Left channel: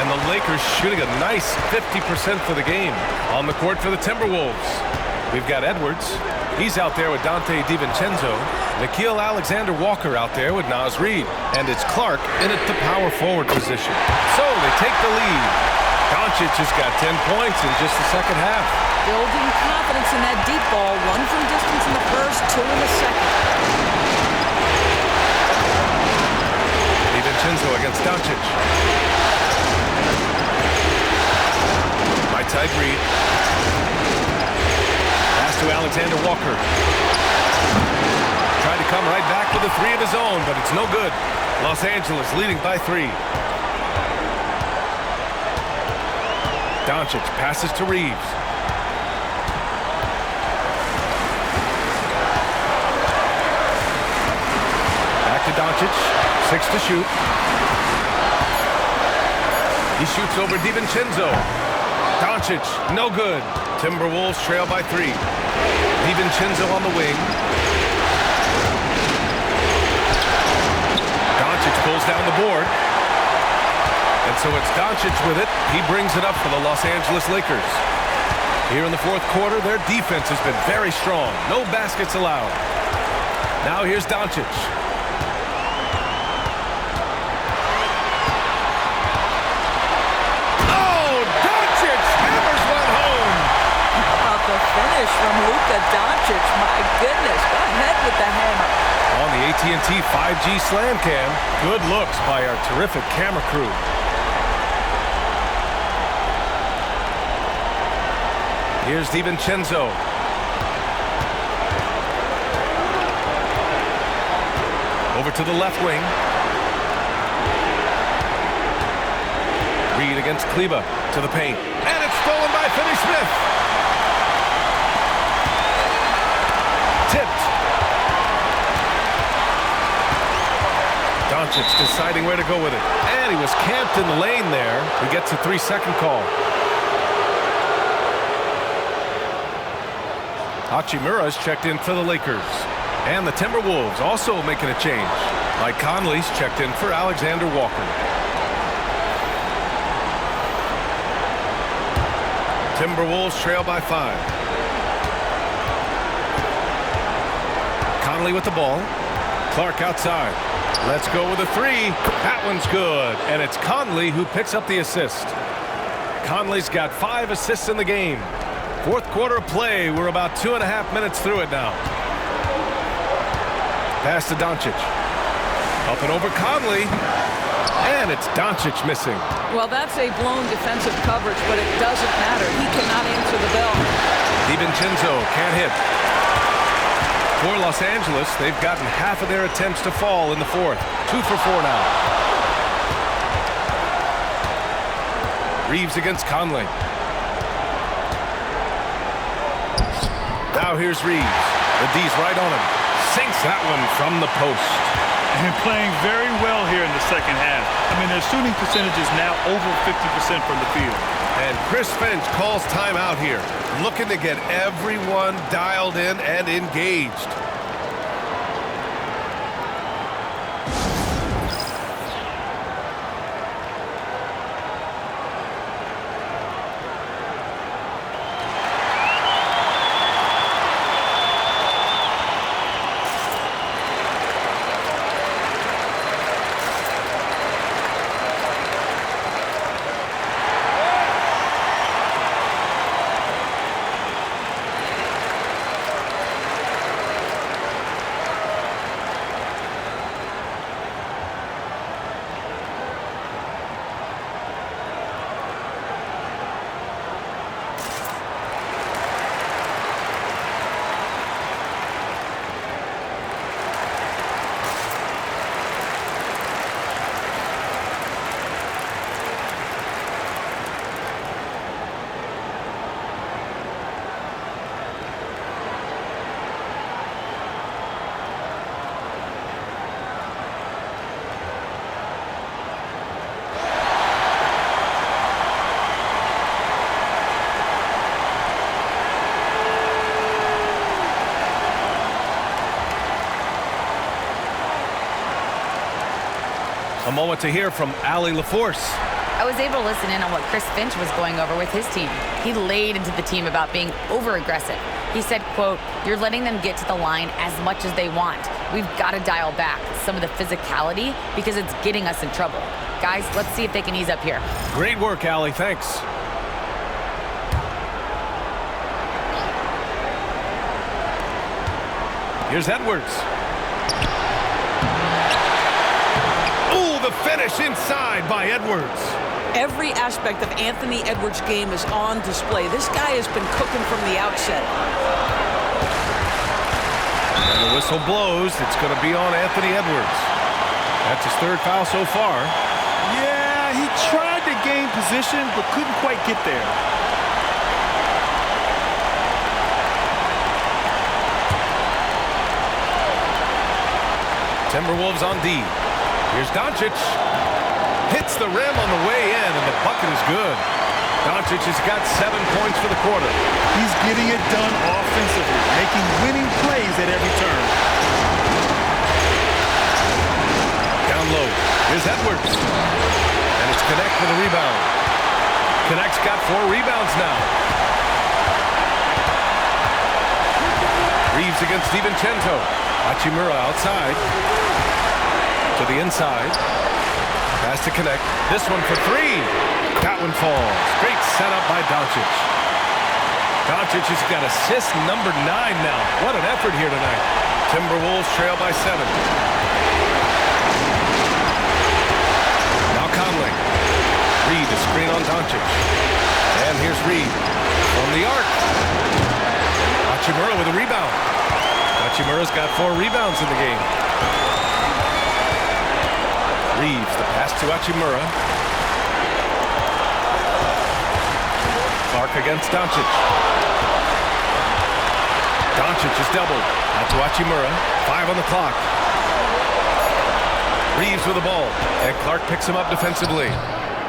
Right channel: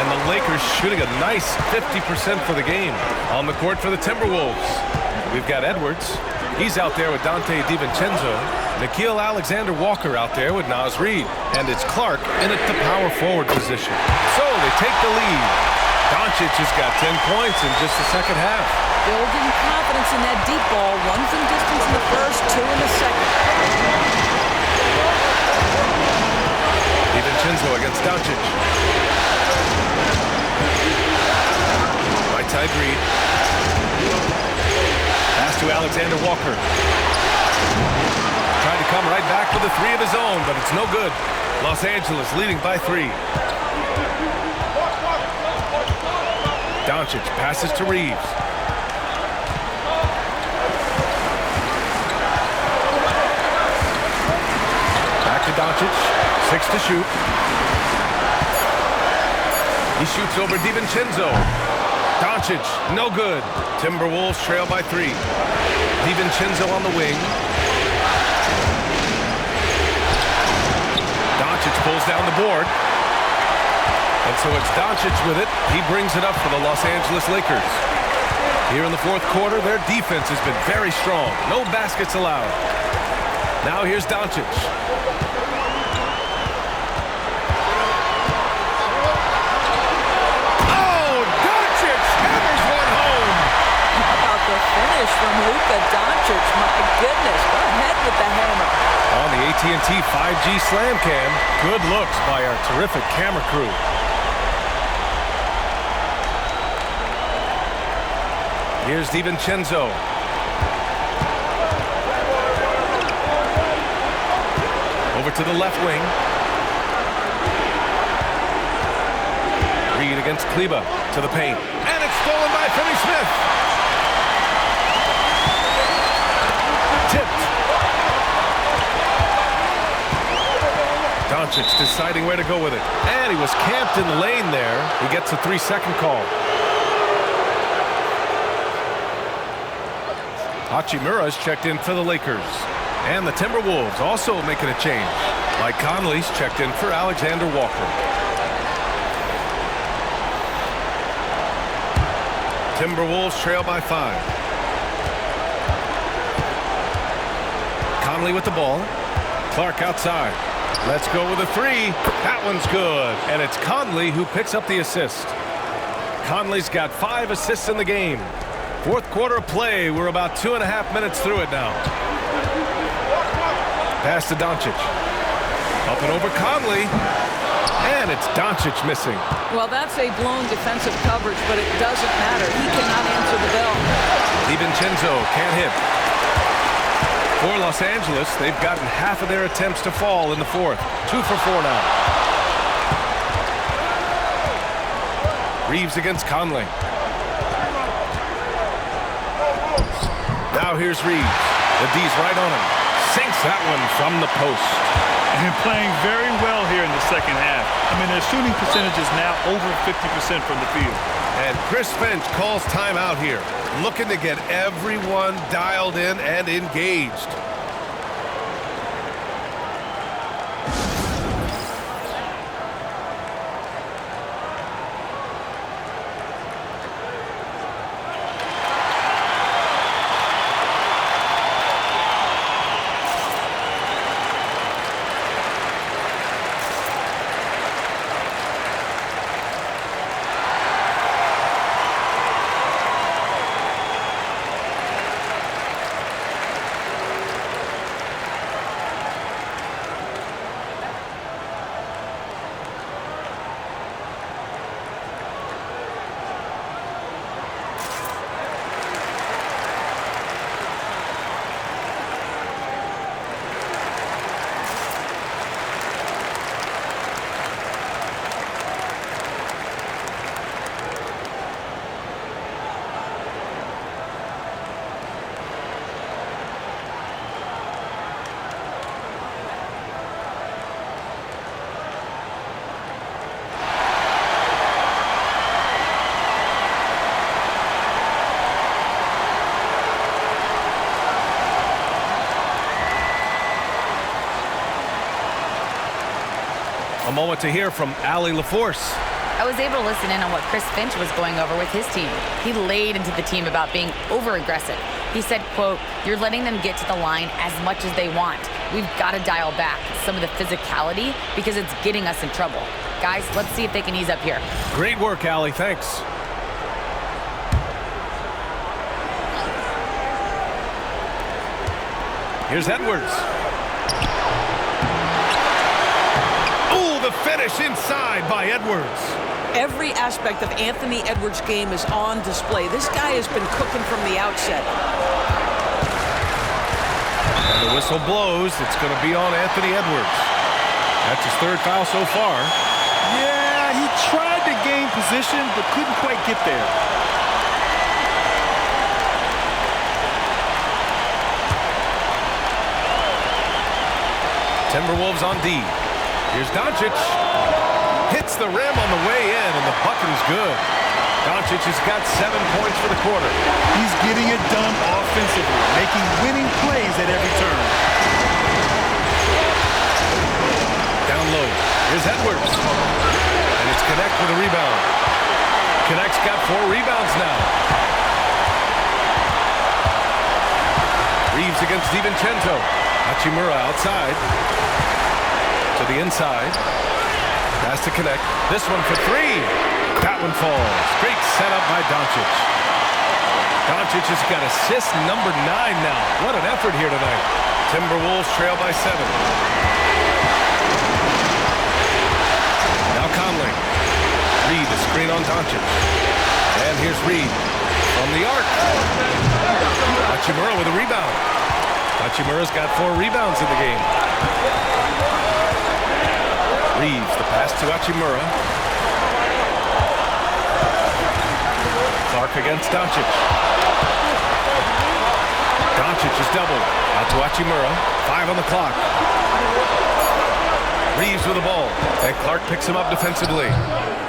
And the Lakers shooting a nice 50% for the game. On the court for the Timberwolves, we've got Edwards. He's out there with Dante DiVincenzo. Nickeil Alexander-Walker out there with Naz Reid. And it's Clark in at the power forward position. So they take the lead. Doncic has got 10 points in just the second half. Building confidence in that deep ball. 1 from distance in the first, 2 in the second. DiVincenzo against Doncic. Right side Reid. Pass to Alexander-Walker. Tried to come right back with a 3 of his own, but it's no good. Los Angeles leading by 3. Doncic passes to Reeves. Back to Doncic. 6 to shoot. He shoots over DiVincenzo. Doncic, no good. Timberwolves trail by 3. DiVincenzo on the wing. Doncic pulls down the board. And so it's Doncic with it. He brings it up for the Los Angeles Lakers. Here in the fourth quarter, their defense has been very strong. No baskets allowed. Now here's Doncic. Oh, Doncic hammers one home. How about the finish from Luka Doncic? My goodness, go ahead with the hammer. On the AT&T 5G Slam Cam, good looks by our terrific camera crew. Here's DiVincenzo. Over to the left wing. Reid against Kleber to the paint. And it's stolen by Finney-Smith. Tipped. Doncic deciding where to go with it. And he was camped in the lane there. He gets a 3-second call. Hachimura's checked in for the Lakers. And the Timberwolves also making a change. Mike Conley's checked in for Alexander-Walker. Timberwolves trail by 5. Conley with the ball. Clark outside. Let's go with a 3. That one's good. And it's Conley who picks up the assist. Conley's got 5 assists in the game. Fourth quarter of play. We're about 2.5 minutes through it now. Pass to Doncic. Up and over Conley. And it's Doncic missing. Well, that's a blown defensive coverage, but it doesn't matter. He cannot answer the bell. DiVincenzo can't hit. For Los Angeles, they've gotten half of their attempts to fall in the fourth. 2 for 4 now. Reeves against Conley. Now here's Reeves. The D's right on him. Sinks that one from the post. And playing very well here in the second half. I mean, their shooting percentage is now over 50% from the field. And Chris Finch calls timeout here, looking to get everyone dialed in and engaged. A moment to hear from Allie LaForce. I was able to listen in on what Chris Finch was going over with his team. He laid into the team about being over-aggressive. He said, quote, "You're letting them get to the line as much as they want. We've got to dial back some of the physicality because it's getting us in trouble. Guys, let's see if they can ease up here." Great work, Allie. Thanks. Here's Edwards. Oh, the finish inside by Edwards. Every aspect of Anthony Edwards' game is on display. This guy has been cooking from the outset. And the whistle blows. It's going to be on Anthony Edwards. That's his third foul so far. Yeah, he tried to gain position, but couldn't quite get there. Timberwolves on D. Here's Doncic. Hits the rim on the way in, and the bucket is good. Doncic has got 7 points for the quarter. He's getting it done offensively, making winning plays at every turn. Down low. Here's Edwards. And it's Connect with a rebound. Connect's got 4 rebounds now. Reeves against DiVincenzo. Hachimura outside. To the inside. Pass to Connect. This one for 3. That one falls. Great setup by Doncic. Doncic has got assist number 9 now. What an effort here tonight. Timberwolves trail by 7. Now Conley. Reed, the screen on Doncic. And here's Reed from the arc. Hachimura with a rebound. Hachimura's got 4 rebounds in the game. Reeves, the pass to Hachimura. Clark against Doncic. Doncic is doubled. Out to Hachimura. 5 on the clock. Reeves with the ball. And Clark picks him up defensively.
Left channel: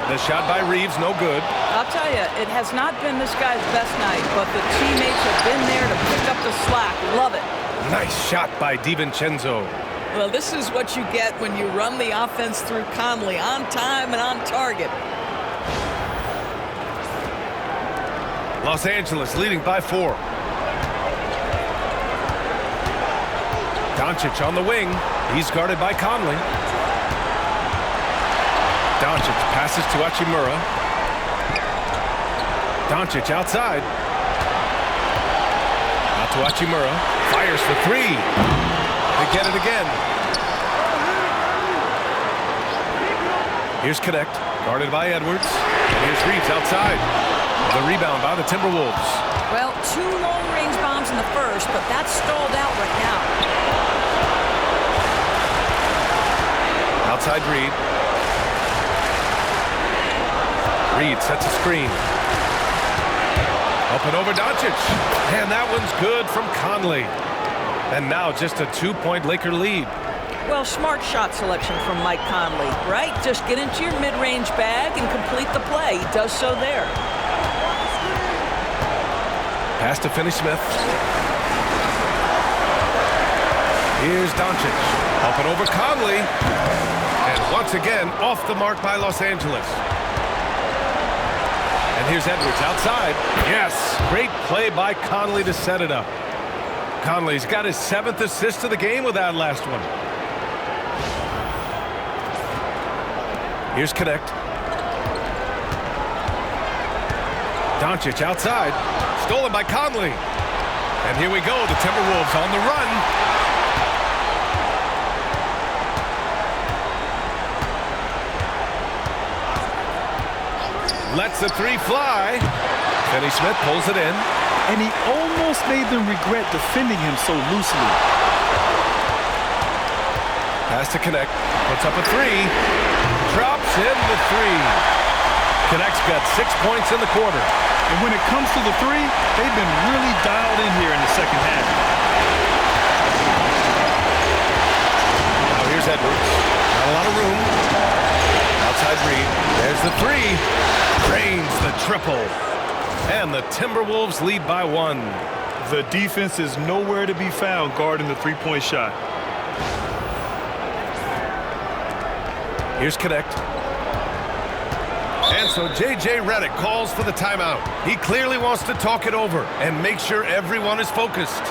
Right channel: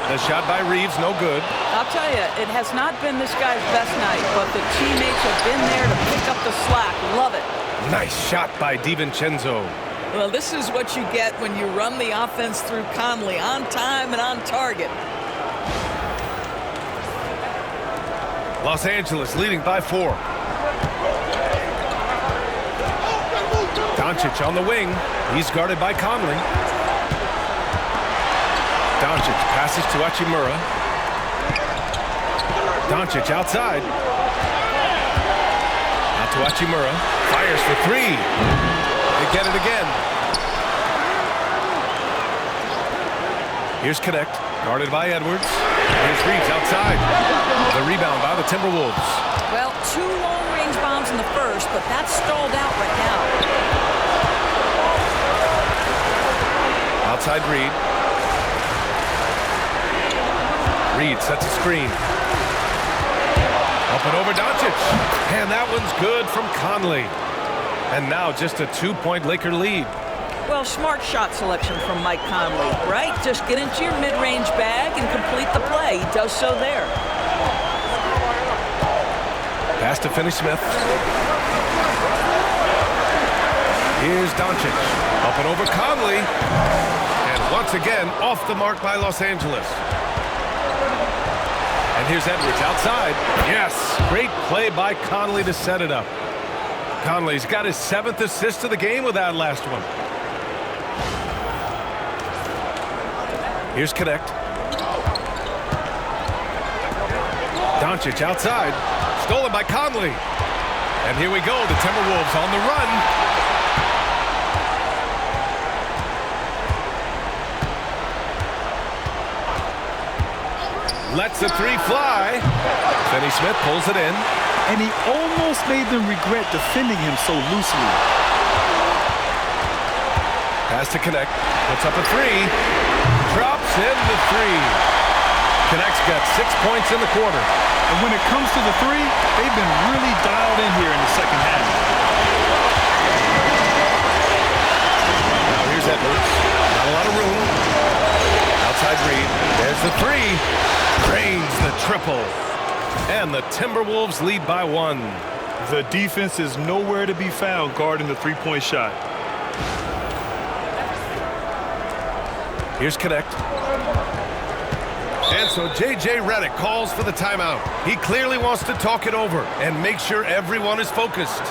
The shot by Reeves, no good. I'll tell you, it has not been this guy's best night, but the teammates have been there to pick up the slack. Love it. Nice shot by DiVincenzo. Well, this is what you get when you run the offense through Conley, on time and on target. Los Angeles leading by 4. Doncic on the wing. He's guarded by Conley. Doncic passes to Hachimura. Doncic outside. Out to Hachimura. Fires for 3. They get it again. Here's Connect, guarded by Edwards. And here's Reeves outside. The rebound by the Timberwolves. Well, 2 long-range bombs in the first, but that's stalled out right now. Outside Reed. Reed sets a screen. Up and over Doncic. And that one's good from Conley. And now just a 2-point Laker lead. Well, smart shot selection from Mike Conley, right? Just get into your mid-range bag and complete the play. He does so there. Pass to Finney-Smith. Here's Doncic. Up and over Conley. And once again, off the mark by Los Angeles. And here's Edwards outside. Yes, great play by Conley to set it up. Conley's got his 7th assist of the game with that last one. Here's Connect. Doncic outside. Stolen by Conley. And here we go. The Timberwolves on the run. Lets the 3 fly. Finney-Smith pulls it in. And he almost made them regret defending him so loosely. Pass to Connect. Puts up a 3. Drops in the 3. Connect's got 6 points in the quarter. And when it comes to the 3, they've been really dialed in here in the second half. Now here's Edwards. Not a lot of room. Outside Reed. There's the 3. Drains the triple. And the Timberwolves lead by 1. The defense is nowhere to be found guarding the 3-point shot. Here's Connect. And so J.J. Redick calls for the timeout. He clearly wants to talk it over and make sure everyone is focused.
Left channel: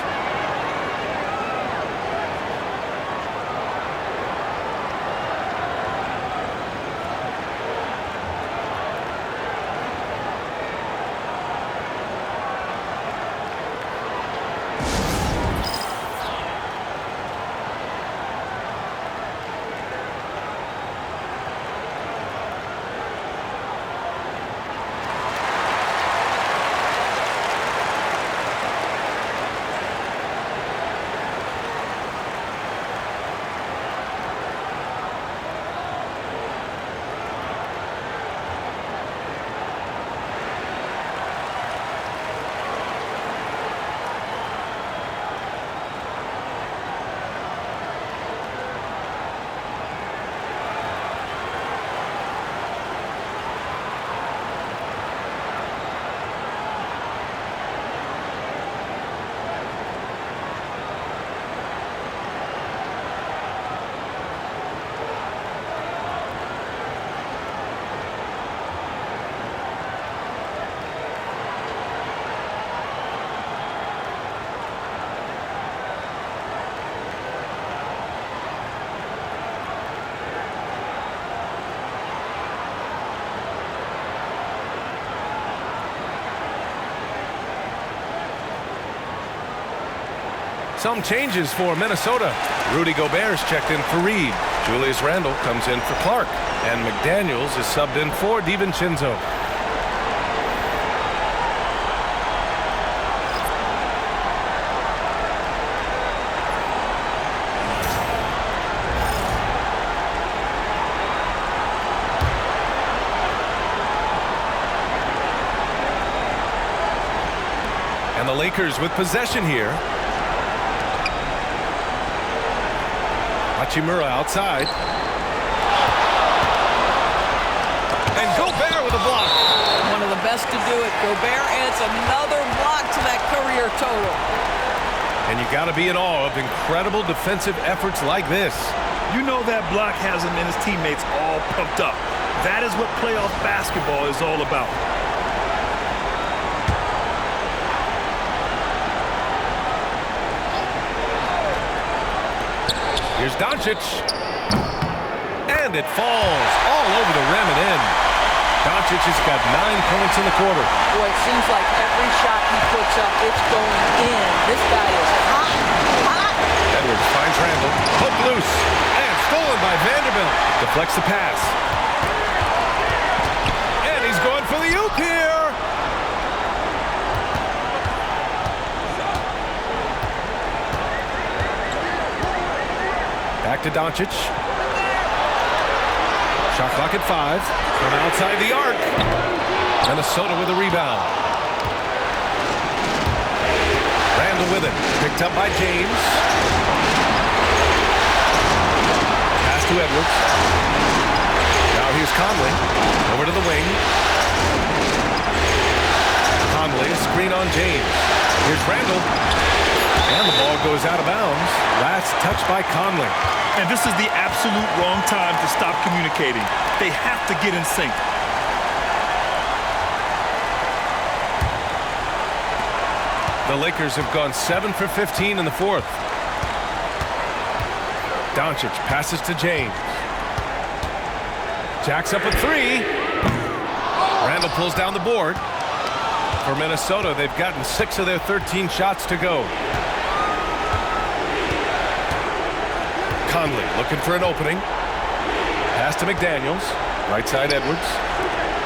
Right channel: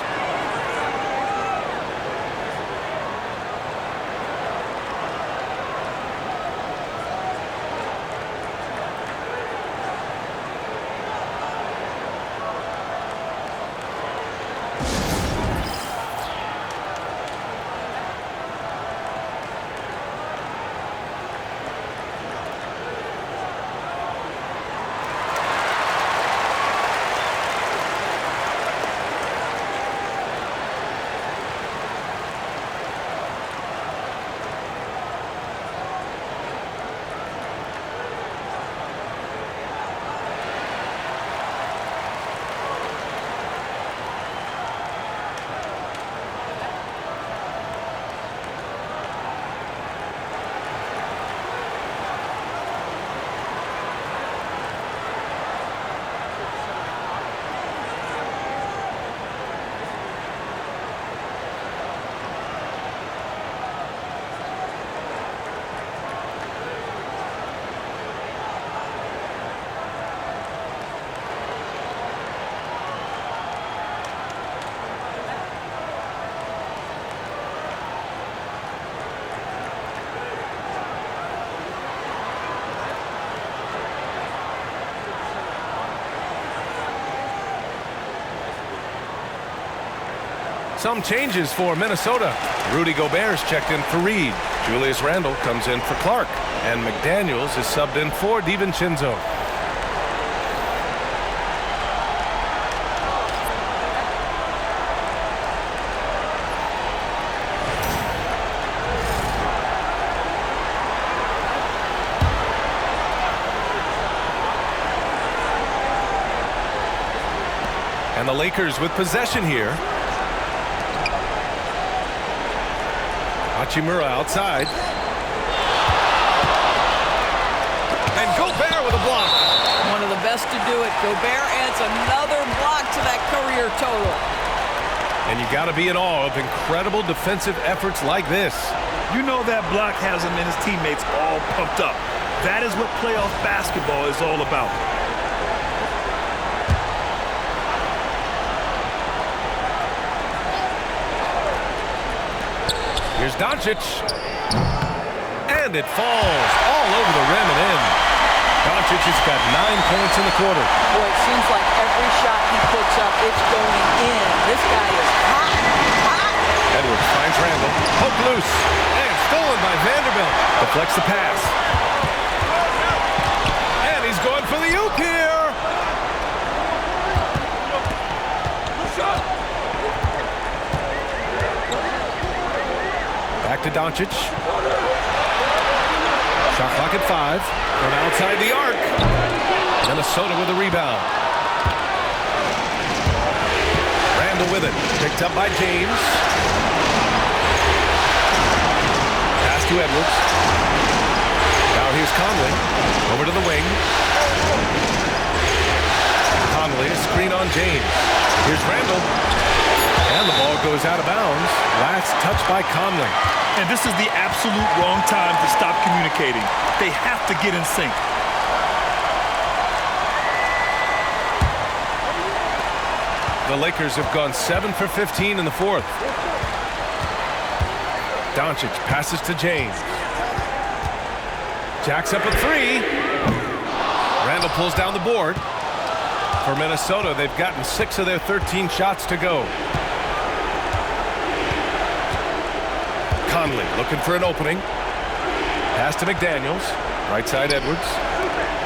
Some changes for Minnesota. Rudy Gobert's checked in for Reed. Julius Randle comes in for Clark. And McDaniels is subbed in for DiVincenzo. And the Lakers with possession here. Hachimura outside. And Gobert with a block. One of the best to do it. Gobert adds another block to that career total. And you got to be in awe of incredible defensive efforts like this. You know that block has him and his teammates all pumped up. That is what playoff basketball is all about. Here's Doncic. And it falls all over the rim and in. Doncic has got 9 points in the quarter. Boy, it seems like every shot he puts up, it's going in. This guy is hot, hot. Edwards finds Randle. Hook loose. And stolen by Vanderbilt. Deflects the pass. And he's going for the oop here. Back to Doncic. Shot clock at 5. From outside the arc. Minnesota with a rebound. Randle with it. Picked up by James. Pass to Edwards. Now here's Conley. Over to the wing. Conley, a screen on James. Here's Randle. And the ball goes out of bounds. Last touch by Conley. And this is the absolute wrong time to stop communicating. They have to get in sync. The Lakers have gone 7 for 15 in the fourth. Doncic passes to James. Jacks up a 3. Randle pulls down the board. For Minnesota, they've gotten 6 of their 13 shots to go. Conley looking for an opening. Pass to McDaniels. Right side Edwards.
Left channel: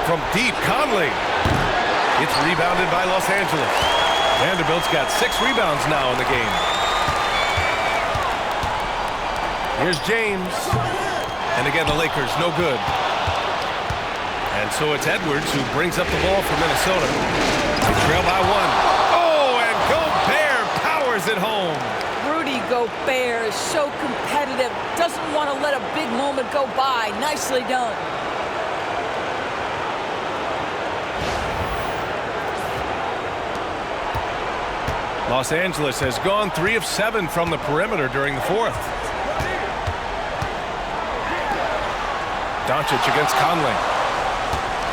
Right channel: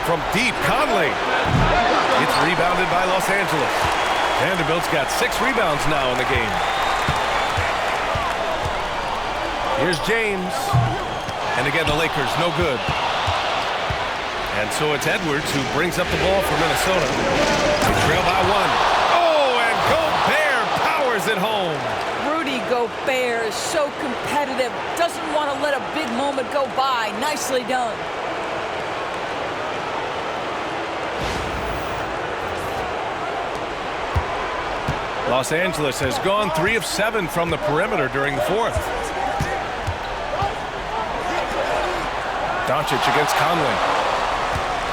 From deep, Conley. It's rebounded by Los Angeles. Vanderbilt's got 6 rebounds now in the game. Here's James. And again, the Lakers no good. And so it's Edwards who brings up the ball for Minnesota. They trail by 1. Oh, and Gobert powers it home. Rudy Gobert is so competitive. Doesn't want to let a big moment go by. Nicely done. Los Angeles has gone 3 of 7 from the perimeter during the fourth. Doncic against Conley.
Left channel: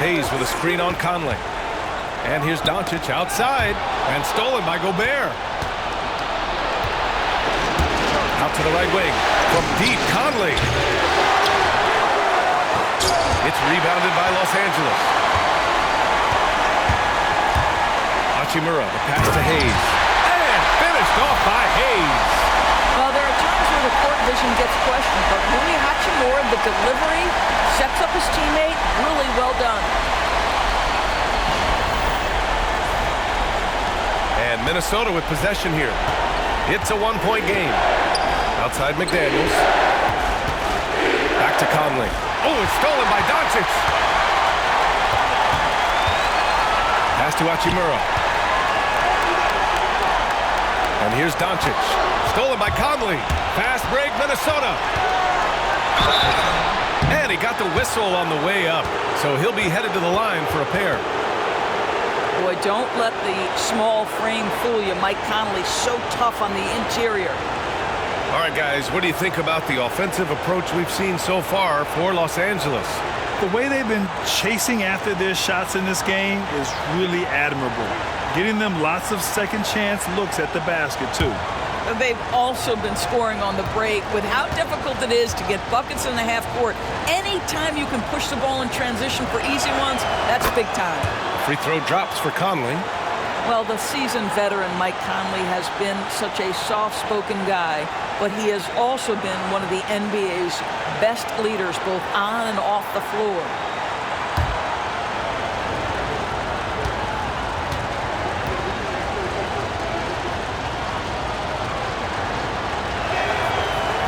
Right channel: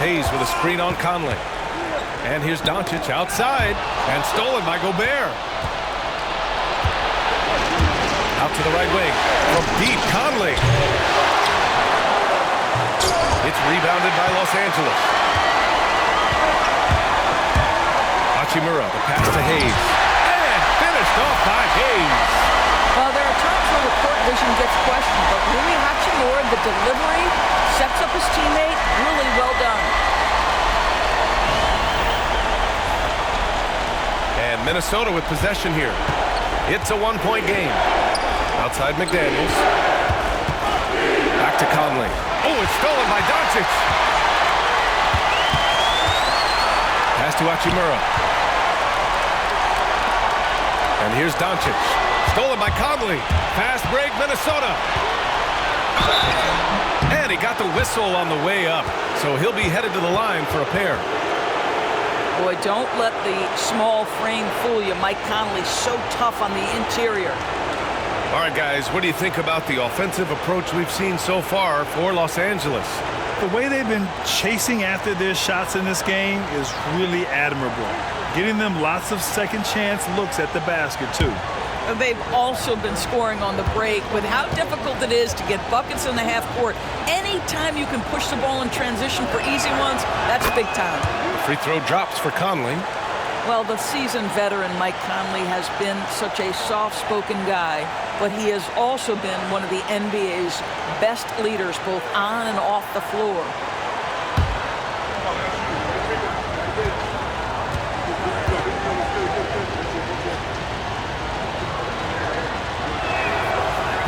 Hayes with a screen on Conley. And here's Doncic outside and stolen by Gobert. Out to the right wing from deep, Conley. It's rebounded by Los Angeles. Hachimura, the pass to Hayes. And finished off by Hayes. Well, there are times where the court vision gets questioned, but Rui Hachimura, the delivery, sets up his teammate. Really well done. And Minnesota with possession here. It's a one-point game. Outside McDaniels. Back to Conley. Oh, it's stolen by Doncic. Pass to Hachimura. And here's Doncic. Stolen by Conley. Fast break, Minnesota. And he got the whistle on the way up. So he'll be headed to the line for a pair. Boy, don't let the small frame fool you. Mike Conley so tough on the interior. All right, guys, what do you think about the offensive approach we've seen so far for Los Angeles? The way they've been chasing after their shots in this game is really admirable. Getting them lots of second chance looks at the basket, too. They've also been scoring on the break. With how difficult it is to get buckets in the half court, anytime you can push the ball in transition for easy ones, that's big time. The free throw drops for Conley. Well, the seasoned veteran Mike Conley has been such a soft-spoken guy, but he has also been one of the NBA's best leaders, both on and off the floor.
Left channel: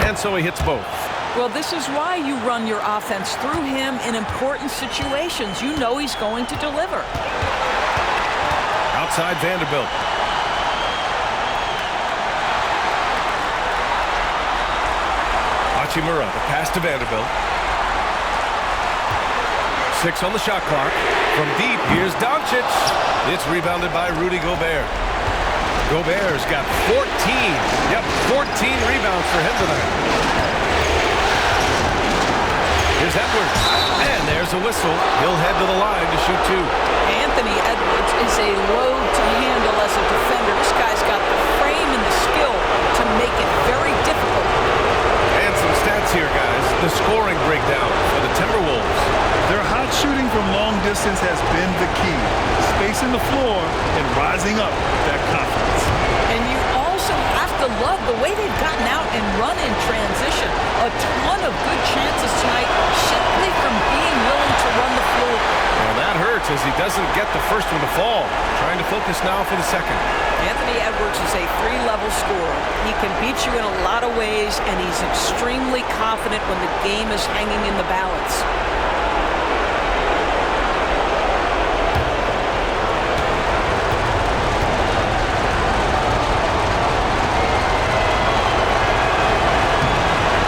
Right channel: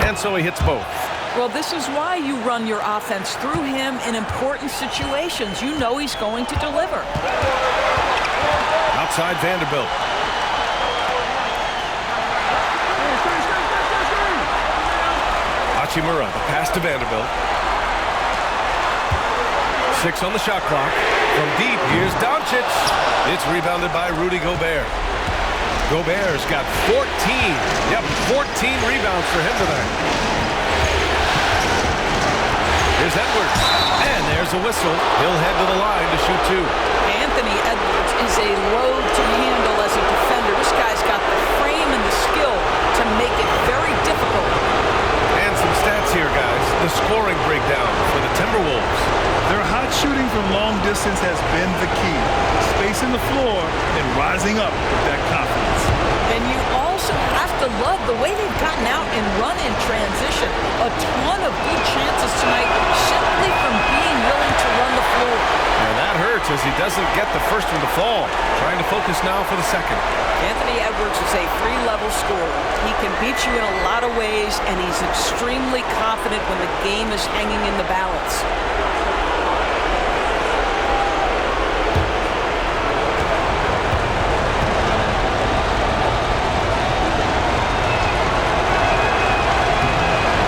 And so he hits both. Well, this is why you run your offense through him in important situations. You know he's going to deliver. Outside Vanderbilt. Hachimura, the pass to Vanderbilt. 6 on the shot clock. From deep, here's Doncic. It's rebounded by Rudy Gobert. Gobert's got 14. Yep, 14 rebounds for him tonight. Here's Edwards. And there's a whistle. He'll head to the line to shoot 2. Anthony Edwards is a load to handle as a defender. This guy's got the frame and the skill to make it very difficult. And some stats here, guys. The scoring breakdown for the Timberwolves. Their hot shooting from long distance has been the key. Spacing the floor and rising up with that confidence. And you also have to love the way they've gotten out and run in transition. A ton of good chances tonight simply from being willing to run the floor. And that hurts as he doesn't get the first one to fall. Trying to focus now for the second. Anthony Edwards is a 3-level scorer. He can beat you in a lot of ways, and he's extremely confident when the game is hanging in the balance.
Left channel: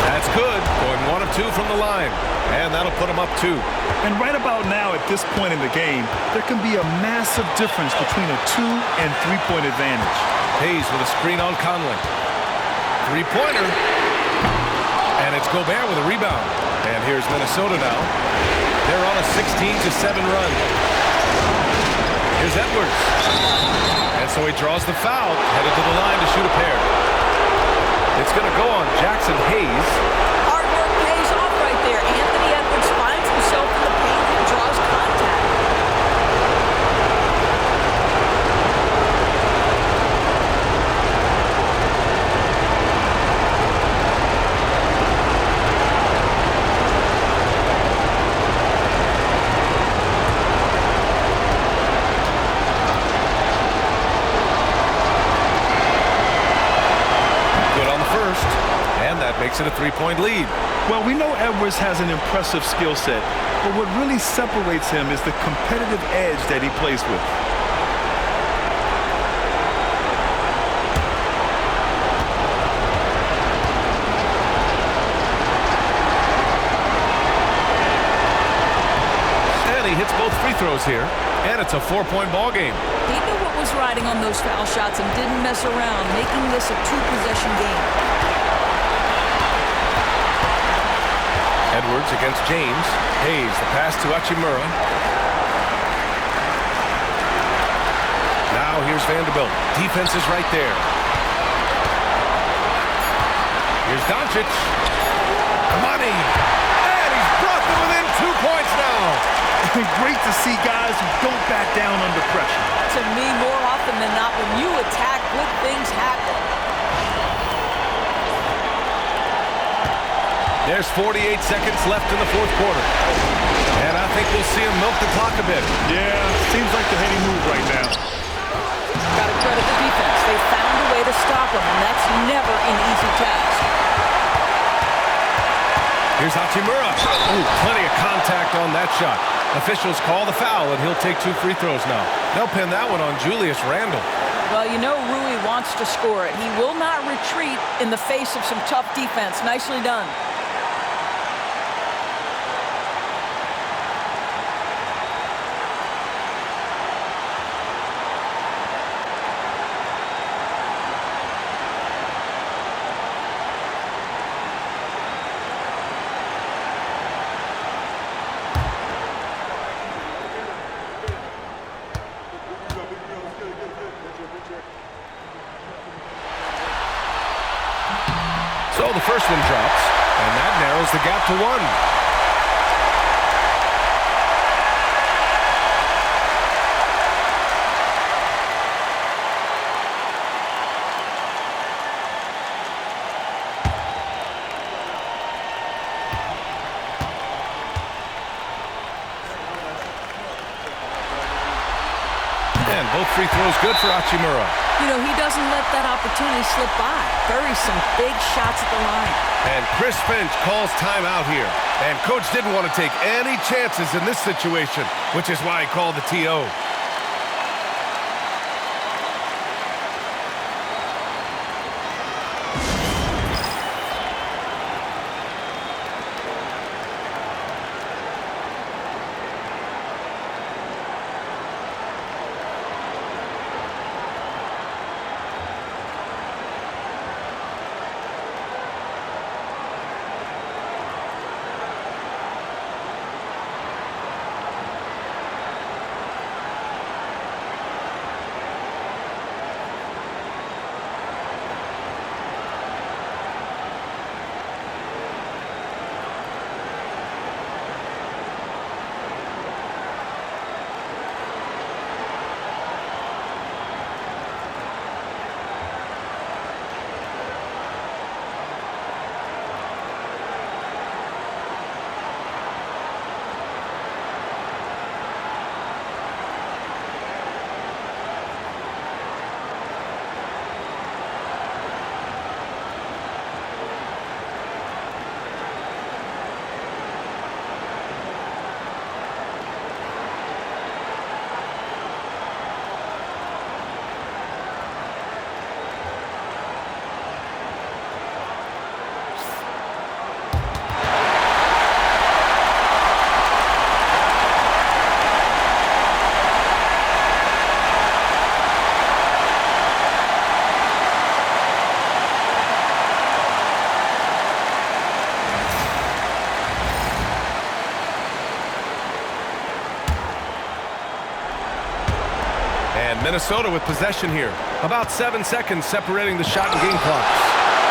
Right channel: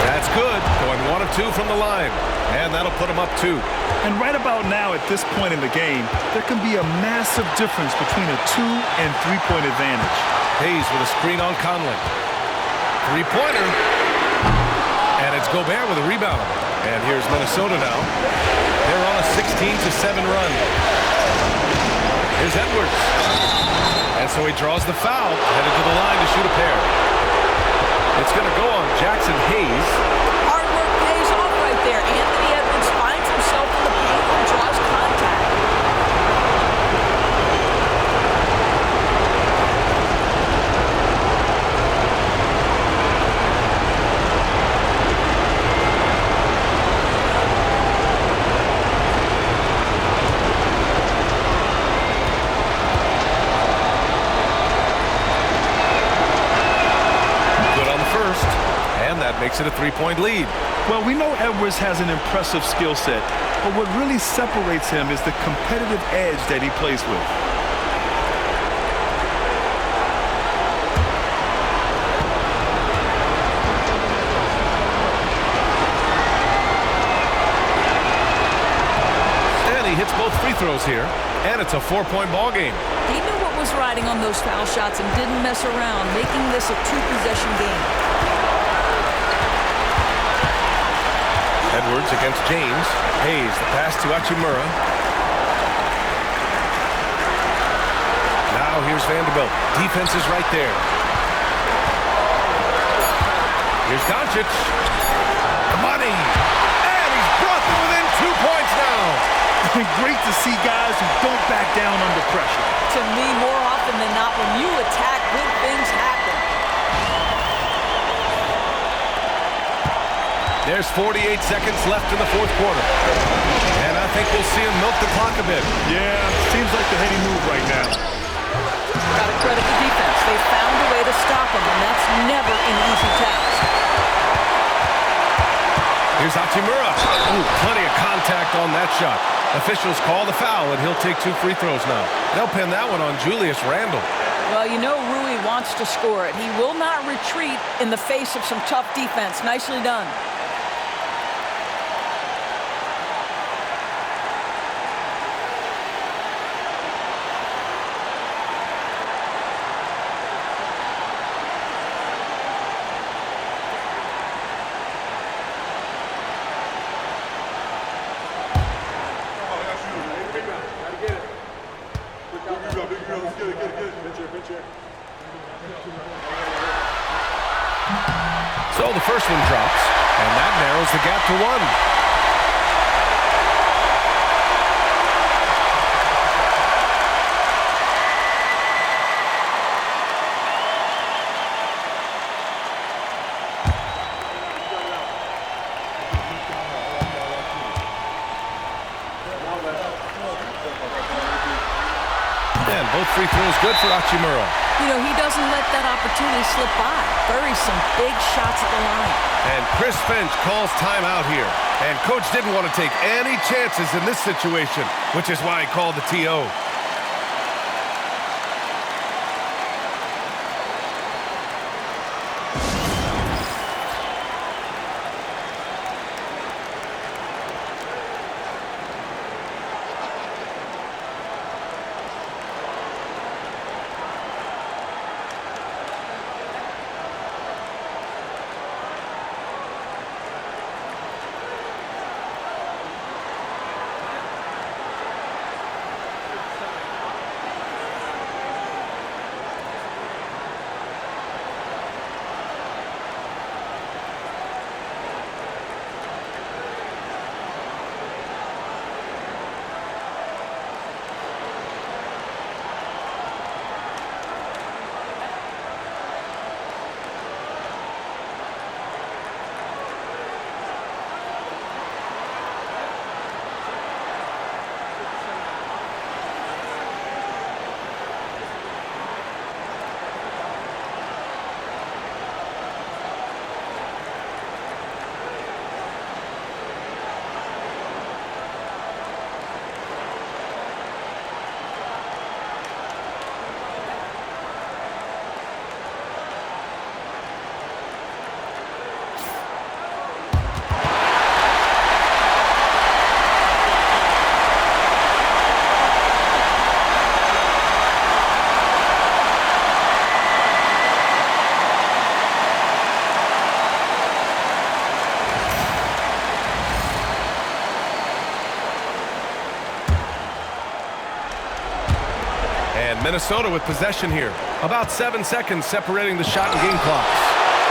That's good. Going 1 of 2 from the line. And that'll put him up 2. And right about now, at this point in the game, there can be a massive difference between a 2- and 3-point advantage. Hayes with a screen on Conley. 3-pointer. And it's Gobert with a rebound. And here's Minnesota now. They're on a 16-7 run. Here's Edwards. And so he draws the foul, headed to the line to shoot a pair. It's going to go on Jackson Hayes. Hard work pays off right there. Anthony Edwards finds himself in the paint and draws contact. Good on the first, and that makes it a 3-point lead. Well, we know Edwards has an impressive skill set, but what really separates him is the competitive edge that he plays with. And he hits both free throws here, and it's a 4-point ball game. He knew what was riding on those foul shots and didn't mess around, making this a 2-possession game. Edwards against James. Hayes, the pass to Hachimura. Now here's Vanderbilt. Defense is right there. Here's Doncic. Money. And he's brought them within 2 points now. Great to see guys who don't back down under pressure. To me, more often than not, when you attack, good things happen. There's 48 seconds left in the fourth quarter. And I think we'll see him milk the clock a bit. Yeah, seems like the heady move right now. Got to credit the defense. They found a way to stop him, and that's never an easy task. Here's Hachimura. Ooh, plenty of contact on that shot. Officials call the foul, and he'll take 2 free throws now. They'll pin that one on Julius Randle. Well, you know Rui wants to score it. He will not retreat in the face of some tough defense. Nicely done. So the first one drops, and that narrows the gap to 1. And both free throws good for Hachimura. You know, he doesn't let that opportunity slip by. Buries some big shots at the line. And Chris Finch calls timeout here. And coach didn't want to take any chances in this situation, which is why he called the TO. And Minnesota with possession here. About 7 seconds separating the shot and game clocks.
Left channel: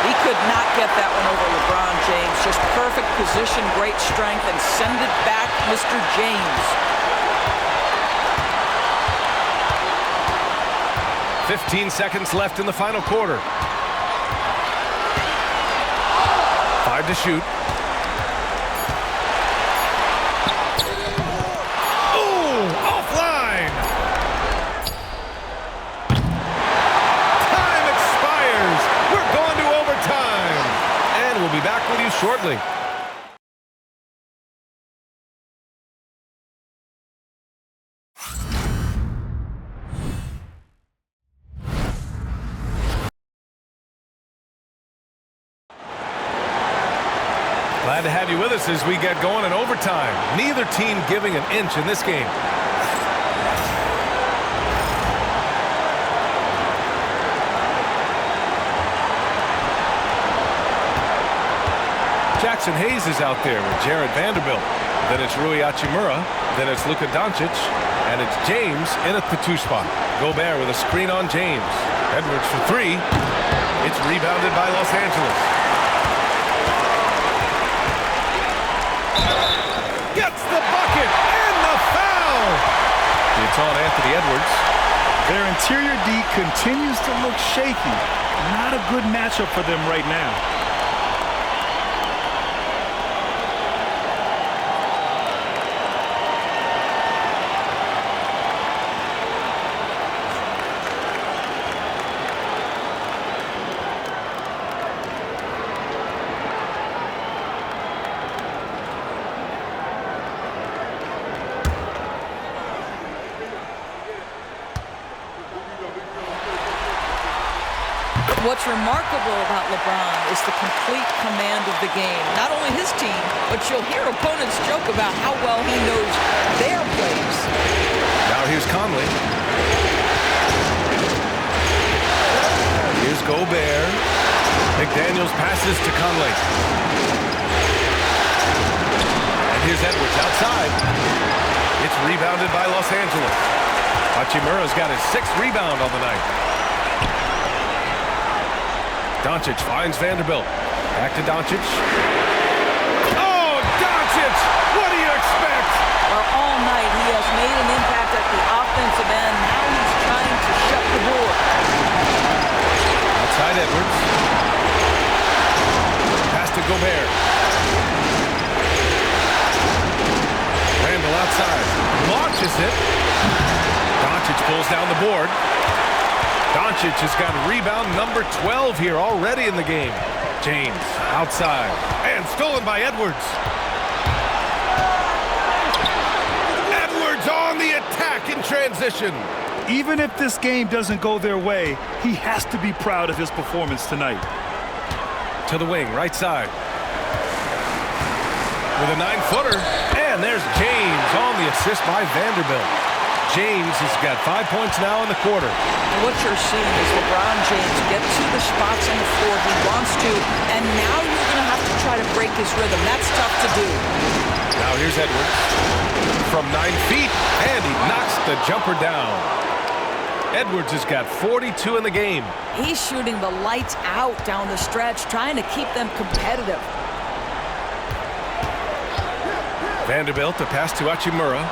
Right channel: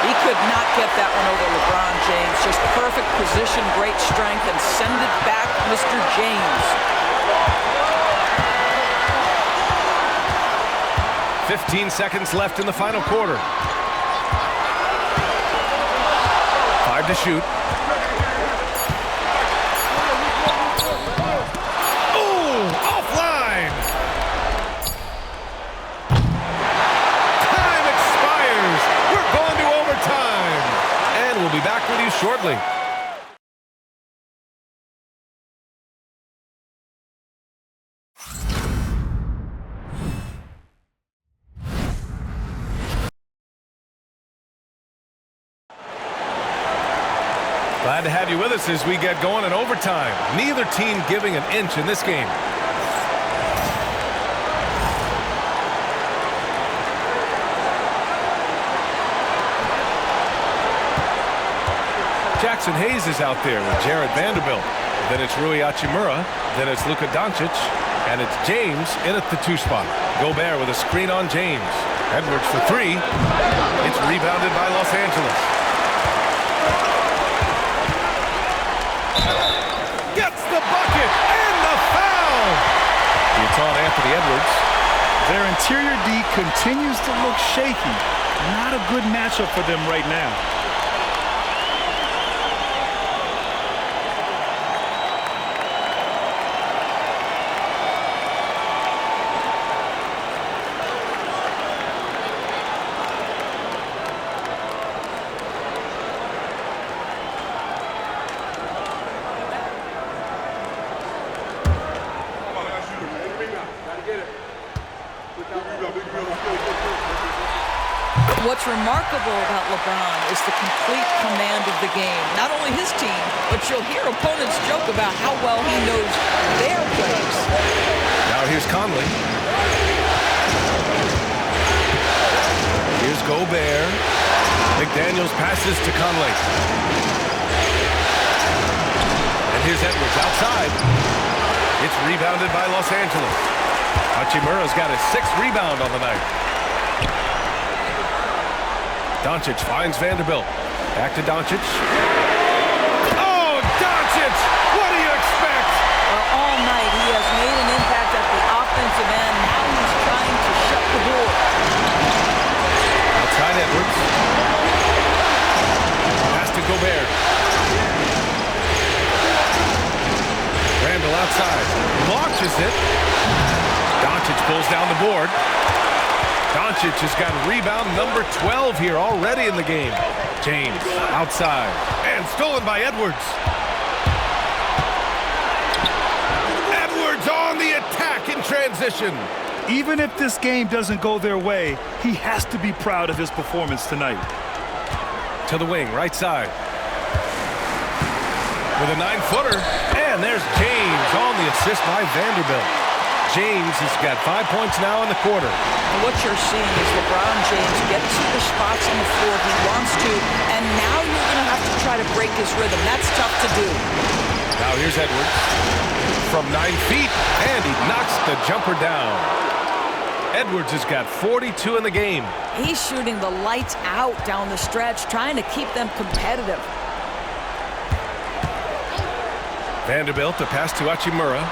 He could not get that one over LeBron James. Just perfect position, great strength, and send it back, Mr. James. 15 seconds left in the final quarter. 5 to shoot. Oh, offline. Time expires. We're going to overtime. And we'll be back with you shortly. Glad to have you with us as we get going in overtime. Neither team giving an inch in this game. Jackson Hayes is out there with Jared Vanderbilt. Then it's Rui Hachimura. Then it's Luka Doncic. And it's James in at the 2 spot. Gobert with a screen on James. Edwards for three. It's rebounded by Los Angeles. Gets the bucket and the foul. It's on Anthony Edwards. Their interior D continues to look shaky. Not a good matchup for them right now. What's remarkable about LeBron is the complete command of the game. Not only his team, but you'll hear opponents joke about how well he knows their plays. Now here's Conley. Here's Gobert. McDaniels passes to Conley. And here's Edwards outside. It's rebounded by Los Angeles. Hachimura's got his 6th rebound on the night. Doncic finds Vanderbilt. Back to Doncic. Oh, Doncic! What do you expect? Well, all night he has made an impact at the offensive end. Now he's trying to shut the door. Outside Edwards. Pass to Gobert. Randall outside. Launches it. Doncic pulls down the board. Doncic has got rebound number 12 here already in the game. James outside and stolen by Edwards. Edwards on the attack in transition. Even if this game doesn't go their way, he has to be proud of his performance tonight. To the wing, right side. With a 9-footer. And there's James on the assist by Vanderbilt. James has got 5 points now in the quarter. And what you're seeing is LeBron James get to the spots on the floor he wants to, and now you're going to have to try to break his rhythm. That's tough to do. Now here's Edwards from 9 feet, and he knocks the jumper down. Edwards has got 42 in the game. He's shooting the lights out down the stretch, trying to keep them competitive. Vanderbilt, the pass to Hachimura.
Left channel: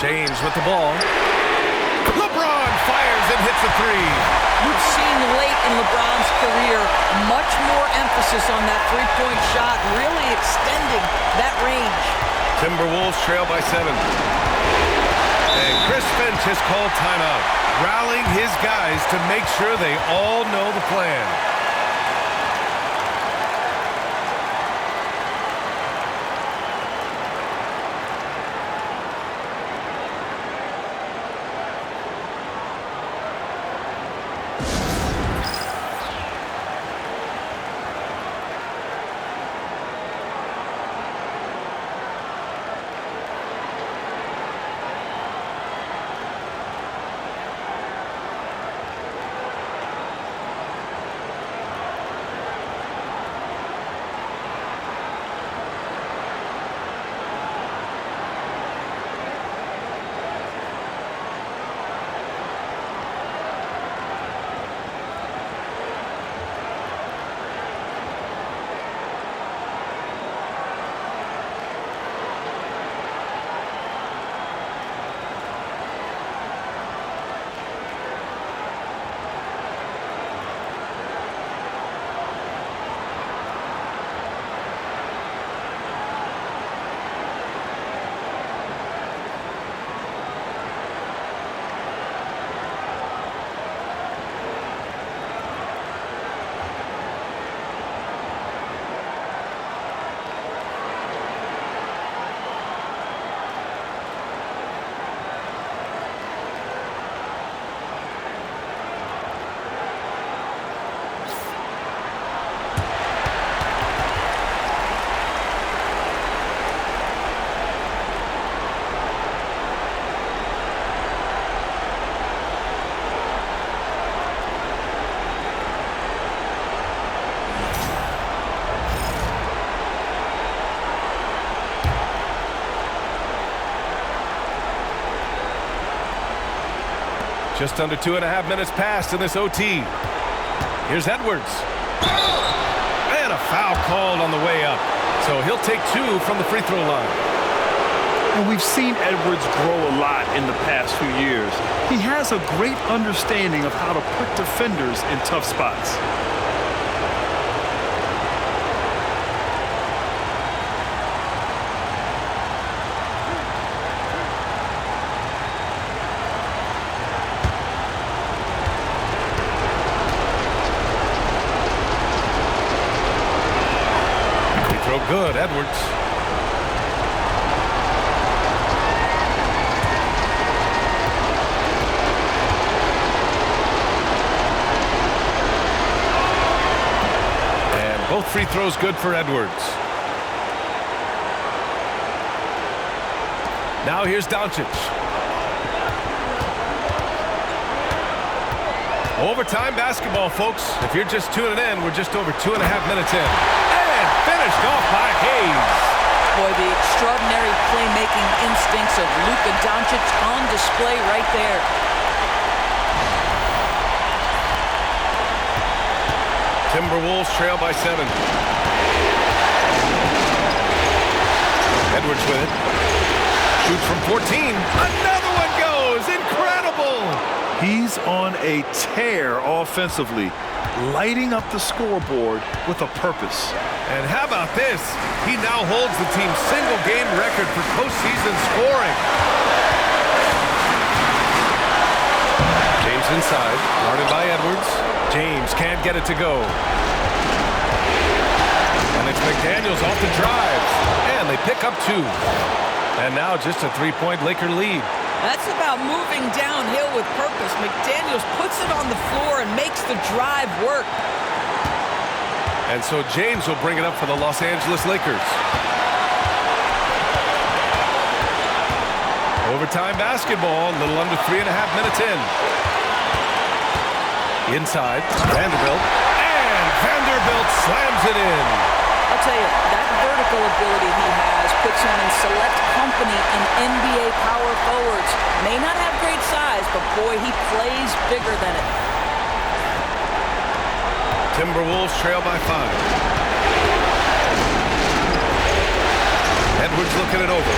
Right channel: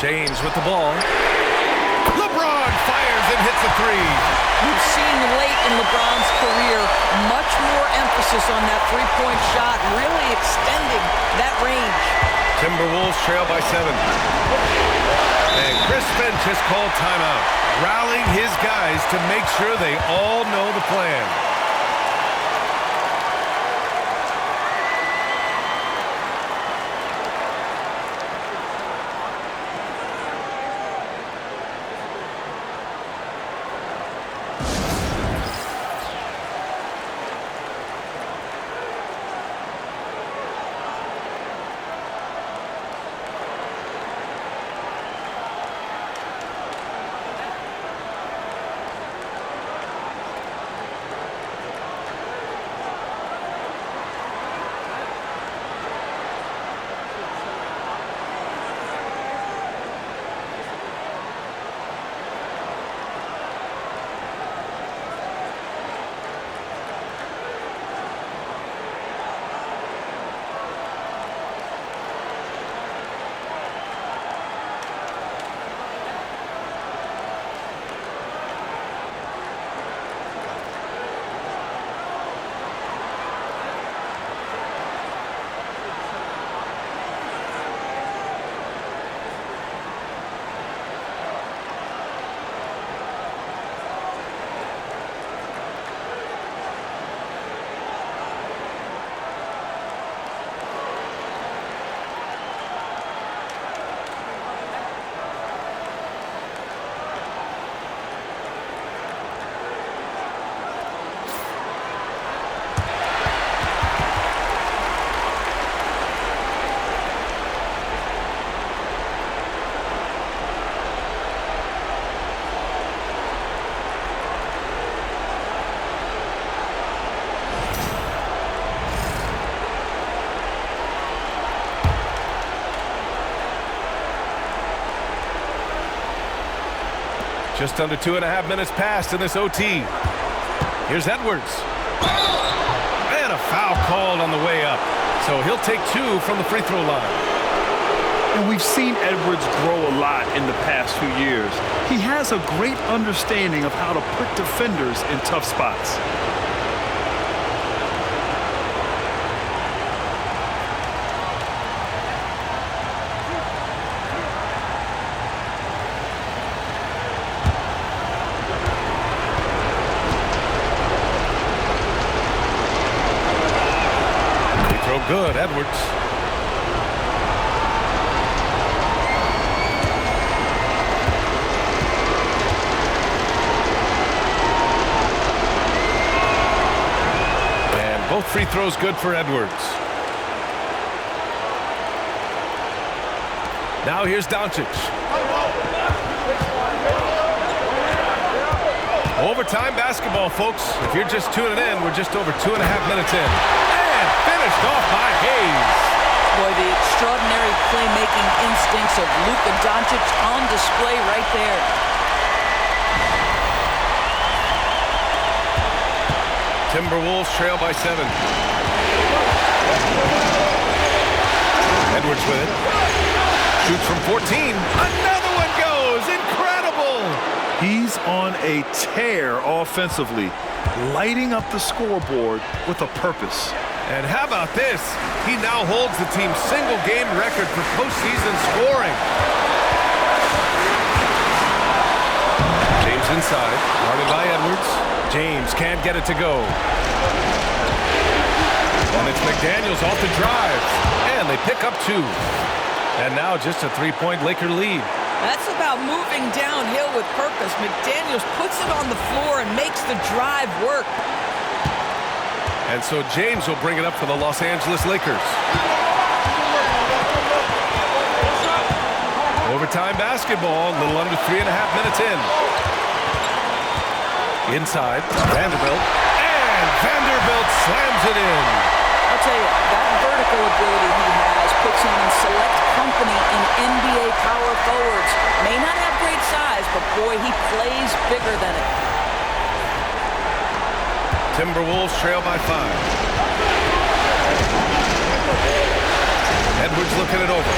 James with the ball. LeBron fires and hits a three. You've seen late in LeBron's career much more emphasis on that three-point shot, really extending that range. Timberwolves trail by 7. And Chris Finch has called timeout, rallying his guys to make sure they all know the plan. Just under 2.5 minutes passed in this OT. Here's Edwards. And a foul called on the way up. So he'll take 2 from the free throw line. And we've seen Edwards grow a lot in the past few years. He has a great understanding of how to put defenders in tough spots. Free throw good, Edwards. Both free throws good for Edwards. Now here's Doncic. Overtime basketball, folks. If you're just tuning in, we're just over 2.5 minutes in. And finished off by Hayes. Boy, the extraordinary playmaking instincts of Luka Doncic on display right there. Timberwolves trail by 7. Edwards with it. Shoots from 14. Another one goes. Incredible. He's on a tear offensively, lighting up the scoreboard with a purpose. And how about this? He now holds the team's single-game record for postseason scoring. James inside, guarded by Edwards. James can't get it to go. And it's McDaniels off the drive. And they pick up 2. And now just a 3-point Laker lead. That's about moving downhill with purpose. McDaniels puts it on the floor and makes the drive work. And so James will bring it up for the Los Angeles Lakers. Overtime basketball, a little under 3.5 minutes in. Inside, Vanderbilt, and Vanderbilt slams it in. I'll tell you, that vertical ability he has puts him in select company in NBA power forwards. May not have great size, but boy, he plays bigger than it. Timberwolves trail by 5. Edwards looking it over.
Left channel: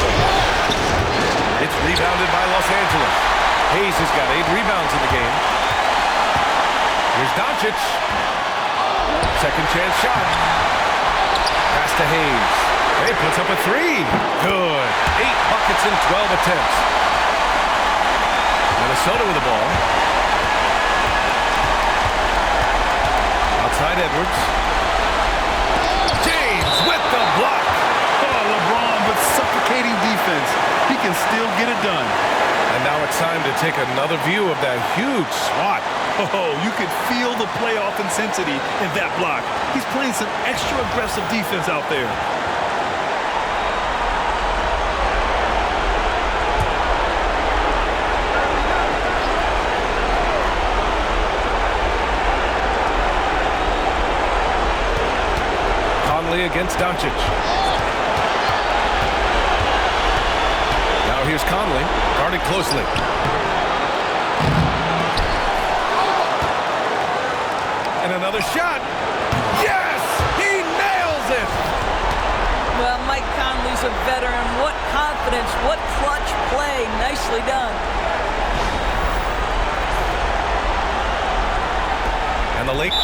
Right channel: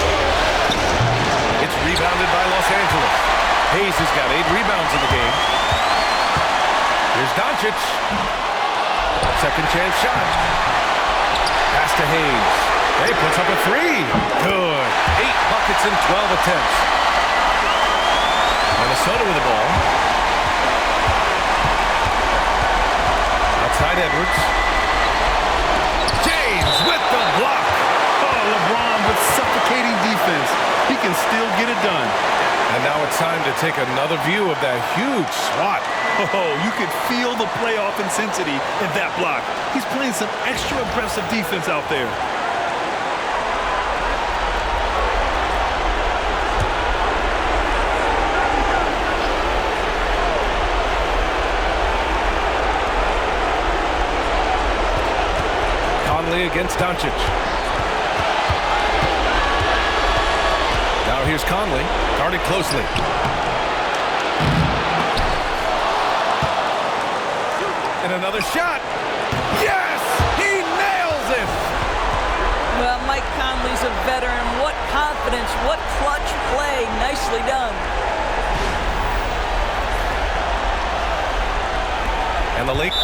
It's rebounded by Los Angeles. Hayes has got 8 rebounds in the game. Here's Doncic. Second chance shot. Pass to Hayes. He puts up a 3. Good. 8 buckets in 12 attempts. Minnesota with the ball. Outside Edwards. James with the block. Oh, LeBron with suffocating defense. He can still get it done. And now it's time to take another view of that huge swat. Oh, you could feel the playoff intensity in that block. He's playing some extra aggressive defense out there. Conley against Doncic. Now here's Conley, guarded closely. And another shot. Yes! He nails it! Well, Mike Conley's a veteran. What confidence, what clutch play. Nicely done. And the Lakers.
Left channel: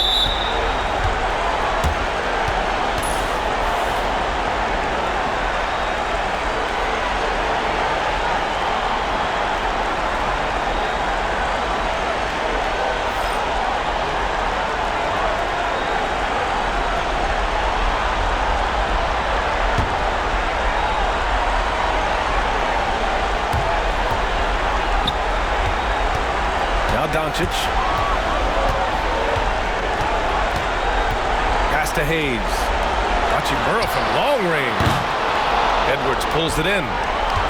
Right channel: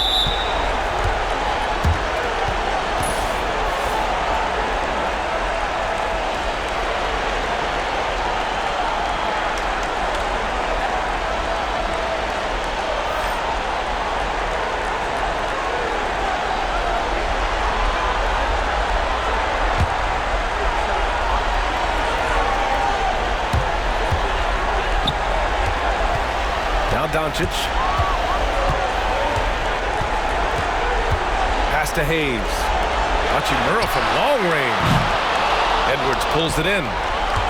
Now Doncic. Pass to Hayes. Hachimura from long range. Edwards pulls it in.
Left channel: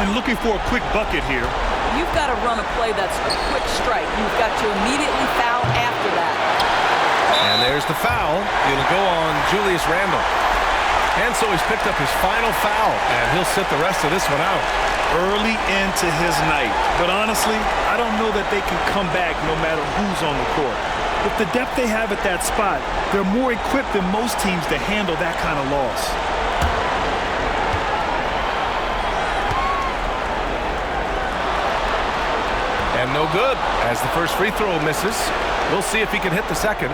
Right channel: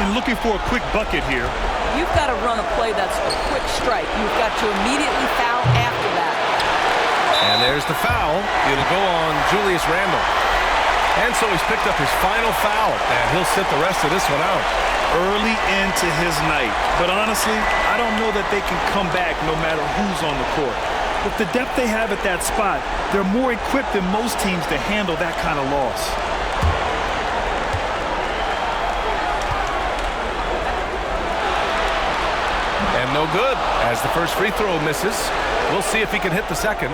And looking for a quick bucket here. You've got to run a play that's a quick strike. You've got to immediately foul after that. And there's the foul. It'll go on Julius Randle. And so he's picked up his final foul, and he'll sit the rest of this one out. early into his night. But honestly, I don't know that they can come back no matter who's on the court. With the depth they have at that spot, they're more equipped than most teams to handle that kind of loss. And no good, as the first free throw misses. We'll see if he can hit the second.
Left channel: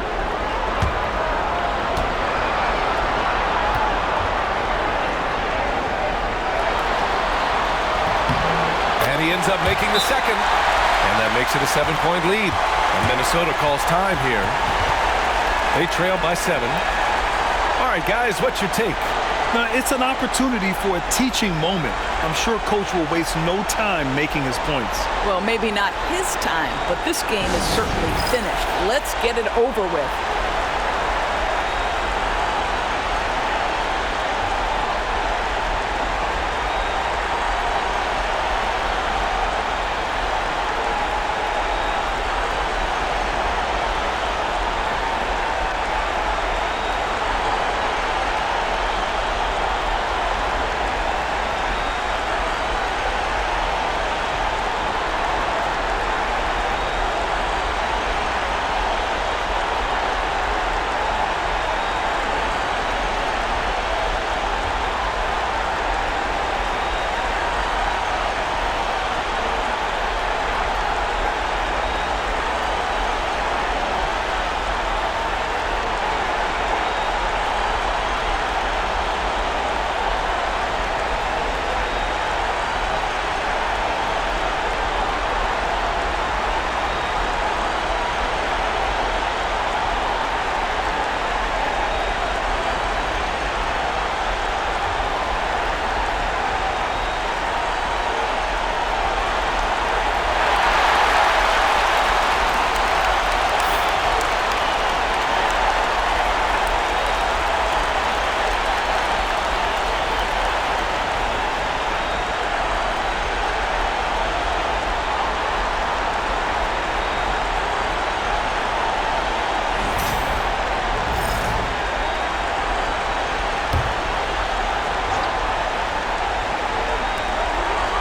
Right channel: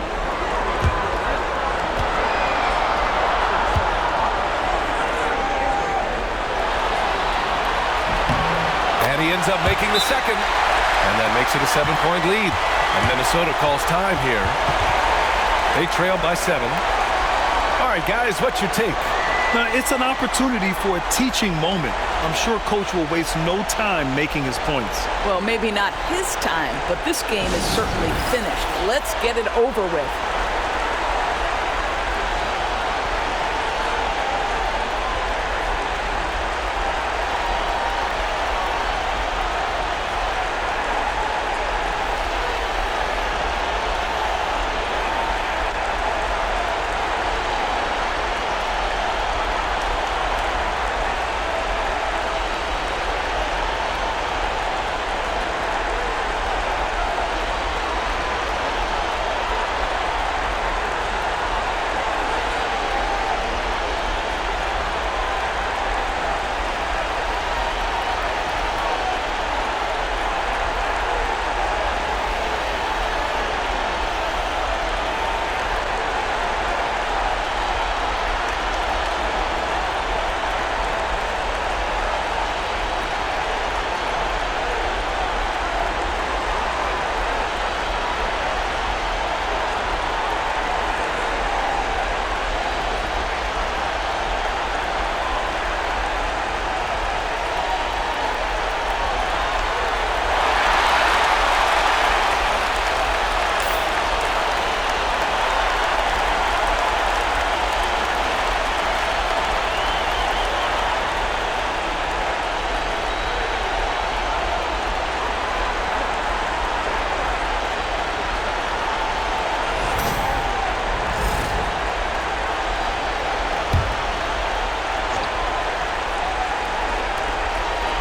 And he ends up making the second. And that makes it a 7-point lead. And Minnesota calls time here. They trail by 7. All right, guys, what's your take? Now, it's an opportunity for a teaching moment. I'm sure Coach will waste no time making his points. Well, maybe not his time, but this game is certainly finished. Let's get it over with.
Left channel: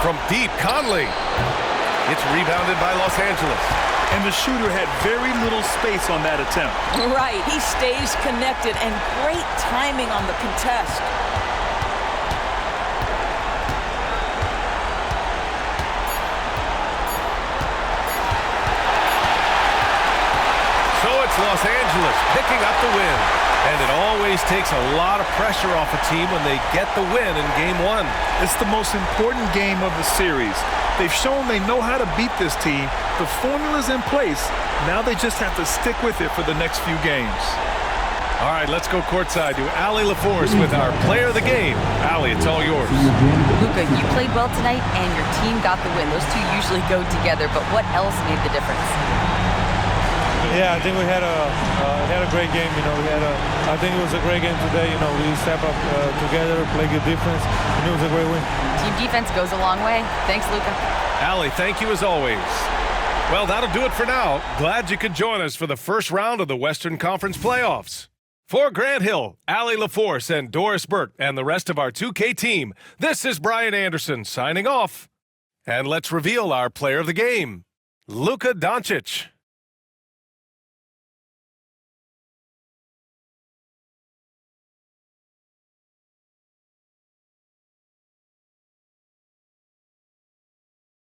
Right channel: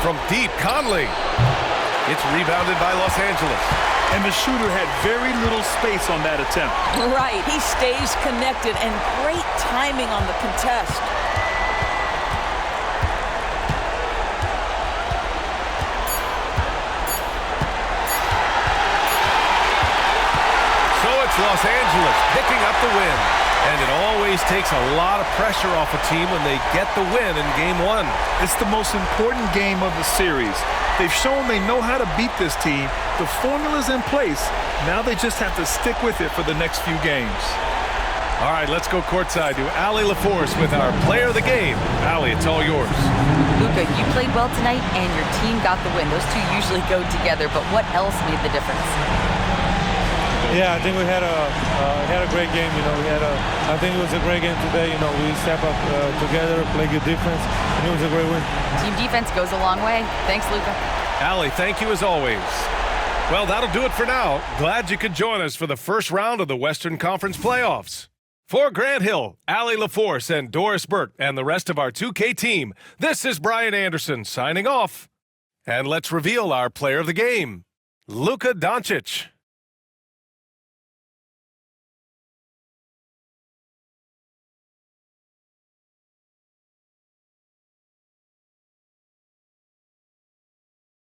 From deep, Conley. It's rebounded by Los Angeles. And the shooter had very little space on that attempt. Right, he stays connected, and great timing on the contest. So it's Los Angeles picking up the win. And it always takes a lot of pressure off a team when they get the win in Game 1. It's the most important game of the series. They've shown they know how to beat this team. The formula's in place. Now they just have to stick with it for the next few games. All right, let's go courtside to Allie LaForce with our player of the game. Allie, it's all yours. Luka, you played well tonight, and your team got the win. Those two usually go together, but what else made the difference? Yeah, I think we had a great game. I think it was a great game today. We step up together, play good defense, and it was a great win. Team defense goes a long way. Thanks, Luka. Allie, thank you as always. Well, that'll do it for now. Glad you could join us for the first round of the Western Conference playoffs. For Grant Hill, Allie LaForce, and Doris Burt, and the rest of our 2K team, this is Brian Anderson signing off. And let's reveal our player of the game, Luka Doncic.